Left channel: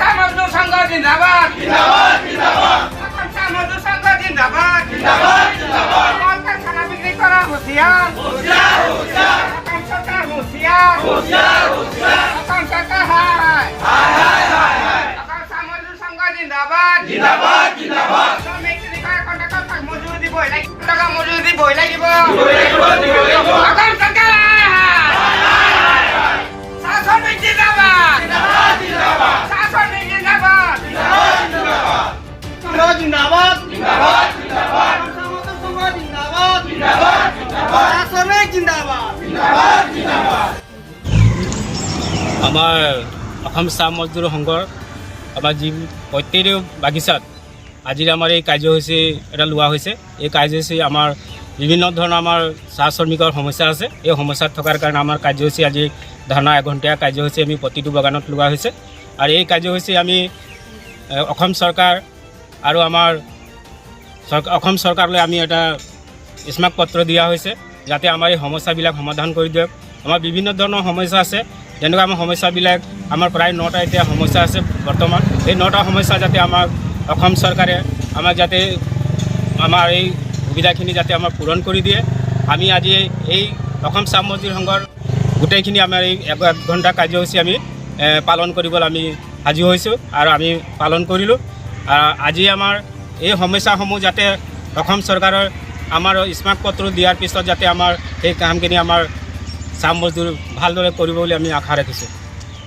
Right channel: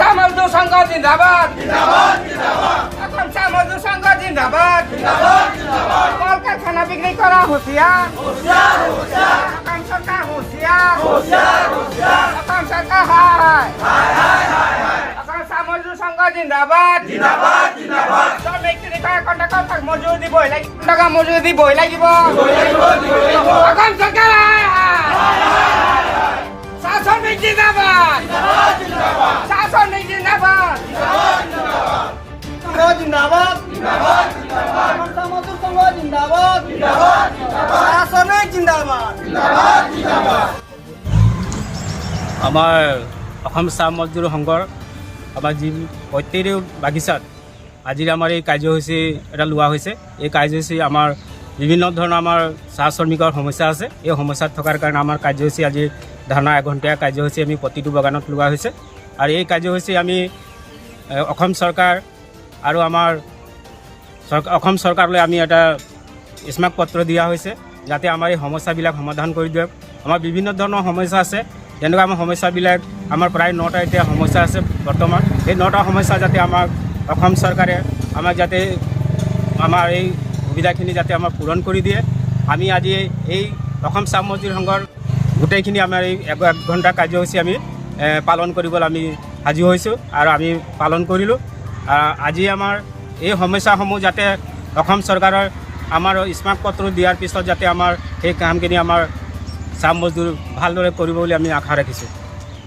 চাহ মজদুৰ সংঘ জিন্দাবাদ অসম চাহ মজদুৰ সংঘ জিন্দাবাদ কল কাৰখানা বিক্ৰী কৰা হুঁচিয়াৰ অসম চৰকাৰ হুঁচিয়াৰ অসম চৰকাৰ হায় অসম চাহ মজদুৰ সংঘ জিন্দাবাদ শ্ৰমিক শ্ৰমিকৰ কণ্ট্ৰেক্টৰ মজুৰি দিবই লাগিব টকা মজুৰি দিবই লাগিব অসম চৰকাৰ শাসনিক জিন্দাবাদ শাসনিক জিন্দাবাদ সংঘ জিন্দাবাদ সংঘ জিন্দাবাদ শাসনিক জিন্দাবাদ আমাৰ অসম চাহ মজদুৰ সংঘৰ আমাৰ যি প্ৰত্যেকটো বাগিচাত আজি আমাৰ এই কাৰ্যসূচী এটা লোৱা হৈছে। এই কাৰ্যসূচী আমাৰ বিভিন্ন ধৰণৰ আমাৰ চাহ শ্ৰমিকৰ সমস্যা আছে। এই সমস্যাত থকাৰ কাৰণে আমাৰ কাৰ্যসূচী আজি ধাৰণা এঘণ্টীয়া কাৰ্যসূচী আমি প্ৰতিটো বাগানত লোৱা হৈছে। আৰু এই কাৰ্যসূচী আমি অসম চৰকাৰ আৰু আমাৰ অসম চৰকাৰলৈ আমি এটা স্মাৰক পত্ৰ দিয়া হৈছে যাতে আমাৰ এই সমস্যাবিলাক সমাধান কৰি দিয়ক। আমাৰ বিভিন্ন ধৰণৰ সমস্যা আছে, যেনেকুৱা আমাৰ সমস্যাবিলাক আমাৰ প্ৰায় 9টা এতিয়া সমস্যা আছে বৰ্তমান। এই 9টা সমস্যা যাতে আমাক অসম চৰকাৰে আমাক যাতে আমাৰ এই সুবিধাখিনি যাতে আমাৰ পূৰণ কৰি দিয়ে। আমি আজি এই অসম চাহ মজদুৰ সংঘৰ গোটেইখিনি আমাৰ এই 1 ঘণ্টা কাৰ্যসূচী আমি পালন কৰিবলৈ আমি সাজু হৈছোঁ আৰু আমি পালন কৰিলোঁ। আজি আমাৰ এই সমস্যাসমূহ যাতে অসম চৰকাৰৰ আমাৰ স্মাৰক পত্ৰ দিয়াৰ পিছত যাতে আমাৰ সেই কামখিনি আমাৰ চাহ মজদুৰ ভালদৰে কৰিব বুলি আমি আশা ৰাখিছোঁ।